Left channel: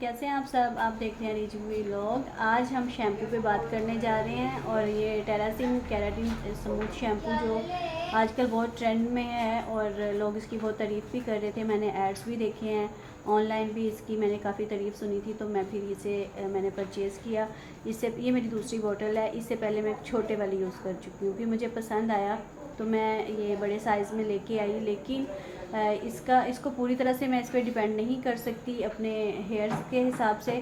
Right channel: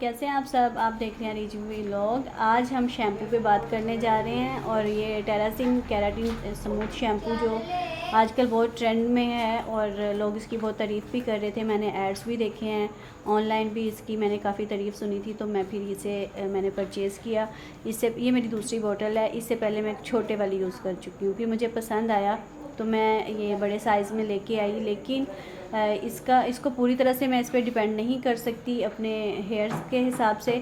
कैसे हैं आप सब। आप देख रहे हैं रिजवी व्लॉग। आज हम शैम्पू पे बात करने जा रहे हैं और ये टेरासिन केराटिन स्मूथ शैम्पू जो आजकल बहुत ट्रेंड में है और लोग इसकी बहुत तारीफ़ भी कर रहे थे। मैंने एड्स भी देखे हैं, ऑनलाइन भी इसकी मैंने काफ़ी तारीफ़ सुनी थी, तो मैं फिर इसे मैंने परचेज़ किया। इससे ये मेरी दूसरी बोतल है। इससे पहले मैं छोटे वाली यूज़ कर चुकी हूँ, फिर मुझे पसंद आया तो मैं ये बड़े साइज़ में लेके आई। लेकिन इसको पूरी तरह से मैं इस पर डिपेंड नहीं कर सकती अपने हेयर्स के हिसाब से,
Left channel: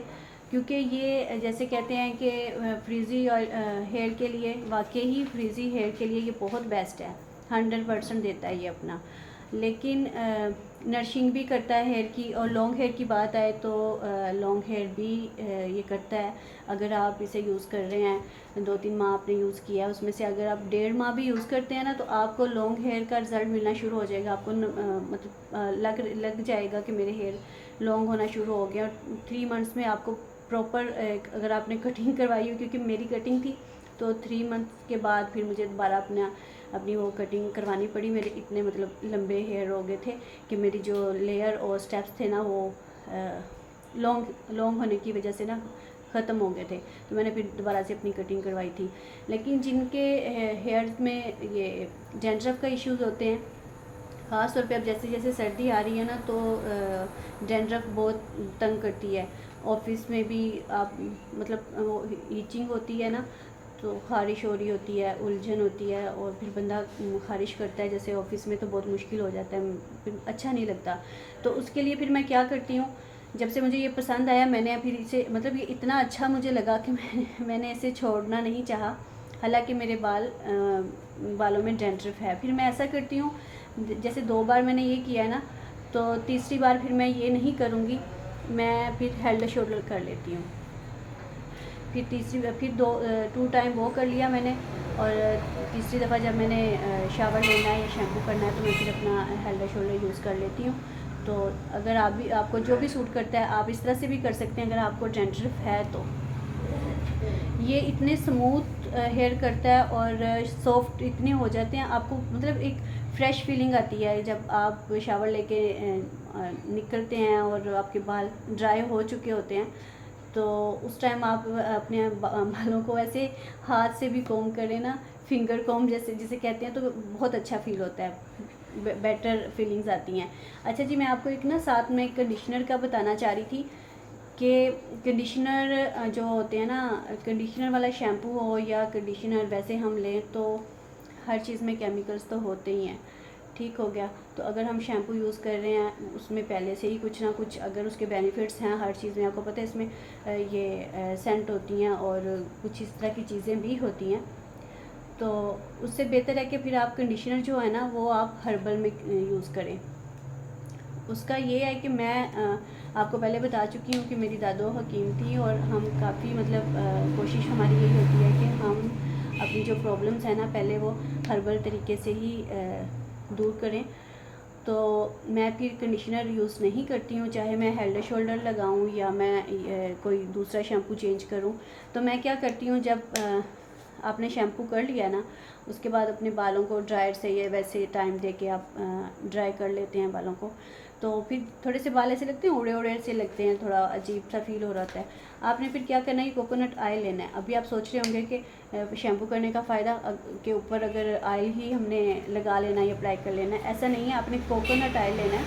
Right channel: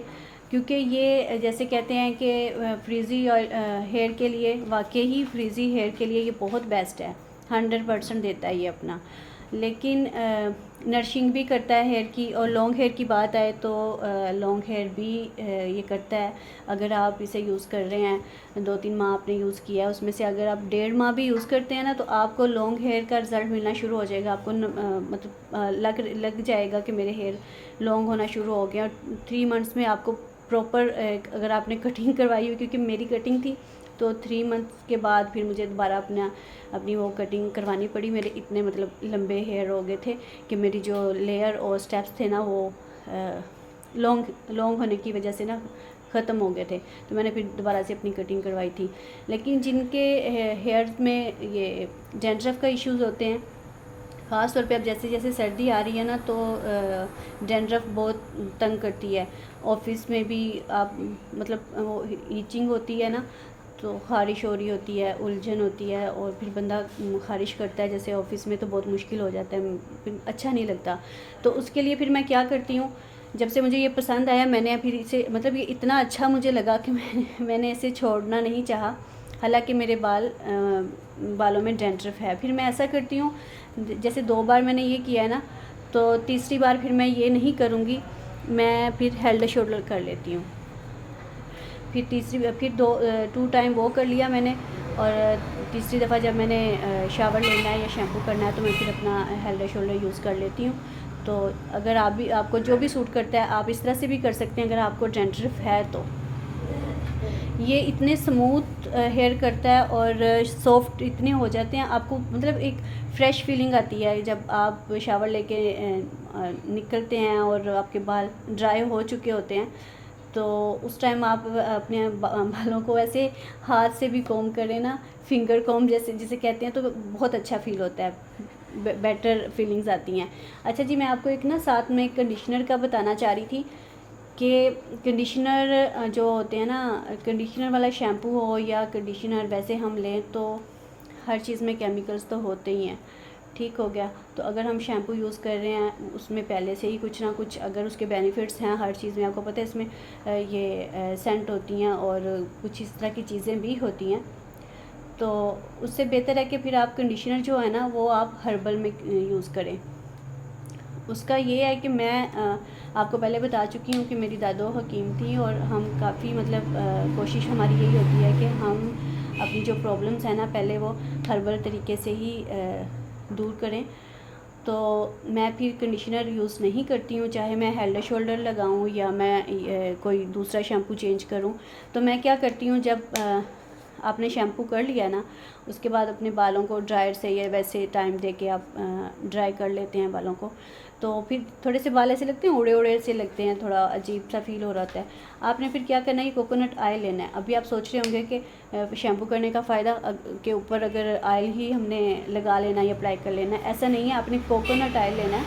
क्योंकि ये जैसे कहते हैं कि फ्रीज़ी ऑयल हेयर के लिए, वाकई ही फ्रीज़ी हेयर के लिए ये बहुत बेस्ट है। 100% देता है ये अपना, लेकिन नरिशिंग भी करता है हेयर की। और लॉन्ग हेयर की बात आए तो लॉन्ग हेयर भी ये करता है। अगर आप इसे यूज़ कर रहे हैं 2-3 माह आपने यूज़ किया है, उसमें से अगर आप 1.5 माह भी यूज़ करते हैं ना, तो आपको लॉन्ग हेयर का रिज़ल्ट मिलना शुरू हो जाएगा। आपको मतलब लग जाएगा कि मेरे हेयर लॉन्ग होना शुरू हो गया। 3 मंथ्स में आपको प्रॉपर, अगर आपने कटिंग करवाई हो, क्योंकि मेरी कटिंग थी, तो 3 मंथ्स के बाद फिर मुझे दोबारा अपनी वो कटिंग करवानी पड़ी। मेरे इतने मतलब लंबे हेयर हो गए थे कि मेरी जो लेयर और स्टेप्स थे ना, वो लॉन्ग होने की वजह से ना ख़त्म हो गए थे। तो मैंने फिर दोबारा से अपनी कटिंग करवाई थी। लेकिन जिनके हेयर्स में ये डैंड्रफ का इश्यूज़ होते हैं, ख़ास तौर पे अब जैसे जैसे सर्दी आ रही है ना, तो डैंड्रफ बहुत तंग करती है। ऑफिस में भी आप मतलब वो ईचिंग होती है ना, तो ख़ारिश हो रही होती है, उलझन होती है, और फिर बंदा ख़ारिश करता है जैसे ऑफिस में, तो बहुत मुश्किल हो जाता है, फिर अच्छा नहीं लगता। तो उसके लिए फिर मैं क्या करती हूँ, जब से मुझे ये पसंद आया, मैंने फिर इसे मतलब ये इतना अच्छा मुझे लगा कि मैंने इसे छोड़ना नहीं चाहा। हालांकि मेरे बालों में डैंड्रफ है। फिर मैं ऐसा करती हूँ, जैसे 2 बार मैंने ये किया है ना, तो तीसरी बार फिर मैं ये नहीं करूँगी, मैं फिर हेड एंड शोल्डर कर लेती हूँ। फिर 2 टाइम वो कर लिया मैंने, और तीसरी दफ़ा जब मैंने शावर लेना है या शैम्पू करना है, तो मैं फिर अपना हेड एंड शोल्डर यूज़ कर लेती हूँ। तो अगर आपको जो भी सूट करता है, आप इस तरह से भी कर सकते हैं अगर आपको डैंड्रफ है तो। ये इतने स्मूथ हेयर करता है और सॉफ्ट इतने हो जाते हैं, आपको मतलब एक फ़्रेश फीलिंग आती है जब आप शावर लेके निकलते हैं और आपके बाल ड्राई हो चुके होते हैं। तो उस टाइम आप अपने बालों को ऐसे हाथ से भी कॉम्ब करें ना, फिंगर कॉम्ब जैसे जिसे कहते हैं, तो बहुत अच्छा फील होता है, बेटर फीलिंग्स आती हैं। अच्छा जी, मैं आपको एक ना साथ में कंडीशनर का बताना चाह रही थी कि कंडीशनर जो होते हैं ना, कंडीशनर वाला शैम्पू हो या कंडीशनर वैसे हम लें, तो हर चीज़ में केमिकल्स तो होते ही हैं। ठीक हो गया। तो अगर हम शैम्पू यूज़ कर रहे हैं, उसमें पहले से ही कुछ ना कुछ अगर उसके बेनिफिट्स हैं, हर चीज़ में आपको पता है इसमें ये सेंट होती हैं और कुछ इस तरह की चीज़ें भी होती हैं, तो उससे बेहतर है कि फिर आप कंडीशनर जो है ना, वो आप हर्बल में यूज़ करें। उसका ये है कि मैं आपको पहले बता चुकी हूँ कि मेरी दादो हकीम थी, और हम काफ़ी मतलब कोशिश हमारी यही होती है कि हम अपनी जो प्रॉब्लम्स हैं ना, पहले वो हर्बल तरीके से ही दूर करें। तो मैं फिर कंडीशनर यूज़ नहीं करती हूँ, चाहे मैं हेड एंड शोल्डर लगाऊँ या मैं कोई दूसरा शैम्पू चेंज करूँ। तो मैं क्या करती हूँ, जब आपने शैम्पू कर लिया ना, उसके बाद अपने बालों को ड्रायर से या वैसे टाइम दे के आप ड्राई कर लेते हैं बालों को, तो फिर थोड़े से बाल ऐसे लगते हैं, उड़े उड़े से लगते हैं, थोड़ा अजीब सा फील हो रहा होता है। आपने फिर क्या करना है, ये कोकोनट ऑयल लेना है। अभी आप सोच रहे होंगे कि शैम्पू करने का फ़ायदा के ऊपर अगर ऑयल ही हमने लगा लेना या अप्लाई कर लेना है, ऐसा नहीं है। आपने कोकोनट ऑयल लेना है,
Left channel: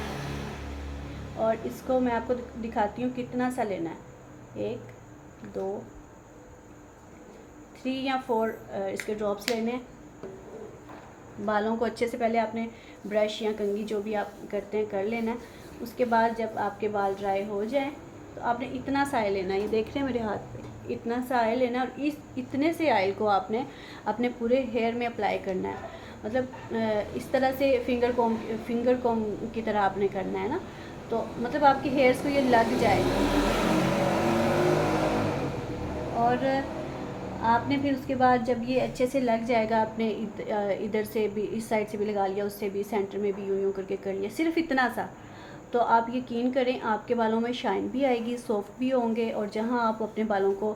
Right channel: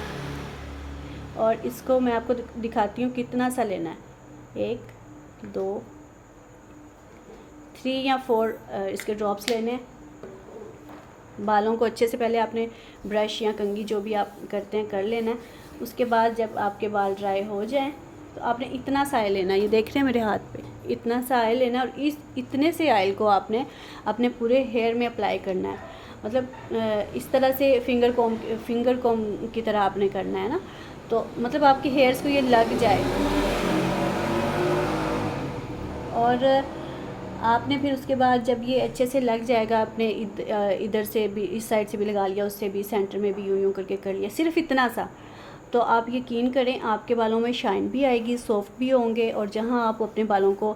और इसको मैं आपको दिखाती हूँ कितना सा लेना है। 1 2 3 या 4 इसके ड्रॉप्स लेने हैं। बालों को अच्छे से पहले आपने ब्रश या कंघी जो भी आप करते हैं कर लेना है। उसके बाद जब आपके बाल ड्राई हो जाएं, तो आपने इतना सा ऑयल लेना है, ये देख रहे हैं मेरे हाथ पे, इतना सा ऑयल लेना है, और इतने से ऑयल को आपने अपने पूरे हेयर में अप्लाई करना है। मतलब इस तरह से फिंगर कॉम्ब की तरह आपने करना है ना, तो मतलब आपके हेयर्स को ये लग जाए। और आपने फिर उसके बाद जब ये अच्छे से लग जाएगा, आपने इधर से भी, इस साइड से भी लगा लिया, उससे भी, सेंटर में भी यूं यूं करके कर लिया, सिर्फ इतना सा, तो आप यकीन करें आपके बालों में शाइन भी आएगी, सॉफ्ट भी होंगे। और जहां आप अपने बालों को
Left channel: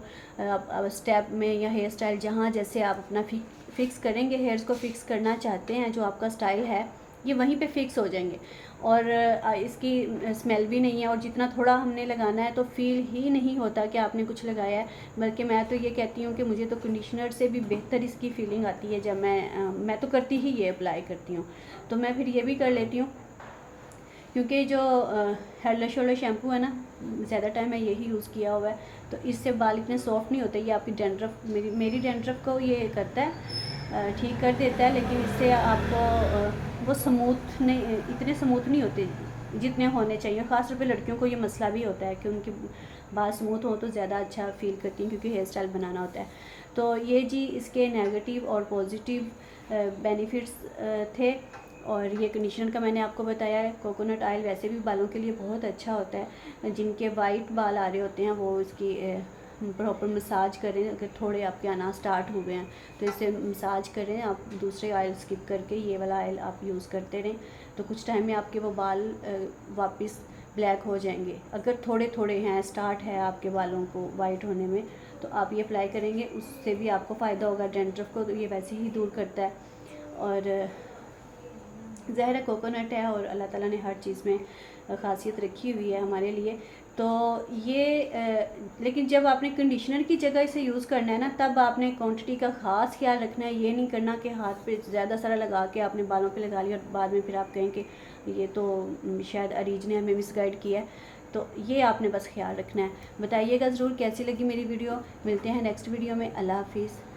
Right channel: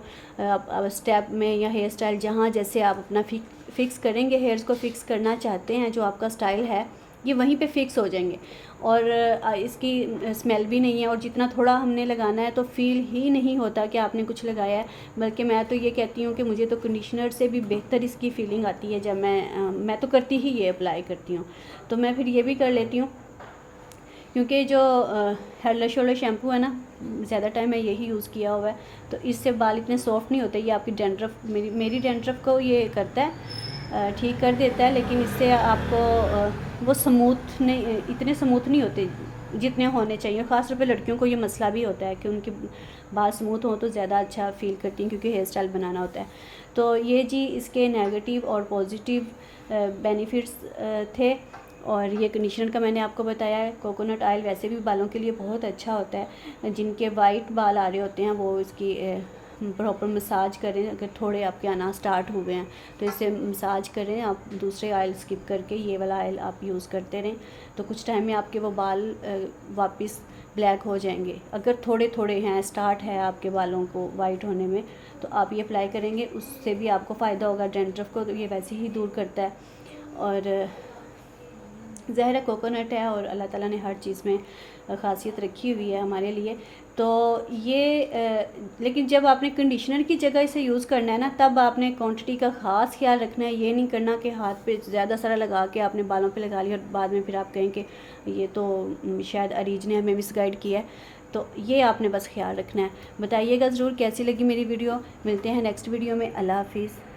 स्टेप में या हेयर स्टाइल, जहां जैसे आप अपना फिक्स करेंगे, हेयर्स को फिक्स करना चाहते हैं, जो आपका स्टाइल है, ये वहीं पे फिक्स हो जाएंगे। और इसकी स्मेल भी नहीं है, और जितना थोड़ा हमने लगाना है तो फील ही नहीं होता कि आपने कुछ लगाया है। बल्कि मैं तो ये कहती हूँ कि मुझे तो कंडीशनर से भी बेहतर इसकी फीलिंग आती है जब मैं तो करती ही ये अप्लाई करती हूँ। तो मैं फिर ये भी कर लेती हूँ, क्योंकि जो हेडलर शोल्डर शैम्पू है ना, ज़्यादा टाइम मैं यही यूज़ किया हुआ है, तो इससे बाल इतने सॉफ्ट नहीं होते। ये आपकी डैंड्रफ, मेरी डैंड्रफ को ये करता है, ठीक कर देता है, लेकिन इससे आपको वो स्मूथ नहीं, इतने स्मूथ नहीं होते जितने होने चाहिए। ख़ासतौर पे लड़कियों को ये मसला भी होता है कि उनके बाल स्मूथ हो तो ज़्यादा अच्छा फील करती हैं, क्योंकि हेयर स्टाइल बनाना होता है। तो ये जी इसके नेगेटिव और पॉजिटिव बेनिफिट्स थे। और ये कंडीशनर का मैंने आपको बताया है। कोकोनट ऑयल वैसे भी बालों के लिए बहुत अच्छा होता है। जिनके वाइट बाल आ रहे होते हैं वो इसकी प्रॉपर मसाज करें। अगर थोड़े आपके आना स्टार्ट हो गए हैं तो इसे मसाज करें, आप दूसरे ऑयल स्किप करके ये वाला ऑयल आप यूज़ करते रहें, तो कुछ टाइम में आपके वो बाल वापस ब्लैक हो जाएंगे। अगर थोड़े थोड़े हैं, स्टार्ट है आपके बालों को वाइट होने में, तो आप ये अप्लाई करेंगे, उससे भी आपको फ़ायदा होगा। डैंड्रफ को तो ये वैसे ही दूर करता है, और ज़ाहिर है कोकोनट है, और अल्लाह ताला ने हर चीज़ में ख़ासियत रखी हुई है हमारे लिए। तो ये लेकिन जब आपने कंडीशनर की जगह इसे यूज़ करना है ना, तब आपने क्वांटिटी का ख़ास ख्याल रखना है। ये नहीं करना कि हाथ पे ज़्यादा सारा लगा के आपने बालों पे लगा लिया और बाद में फिर आप कहें कि ये तो शायद अरीज ने हमें मिसगाइड किया है। तो ये आपने बस ख्याल रखना है। बताइएगा ज़रूर कैसी लगी मेरी वीडियो। मिलते हैं नेक्स्ट वीडियो में। अल्लाह हाफिज़।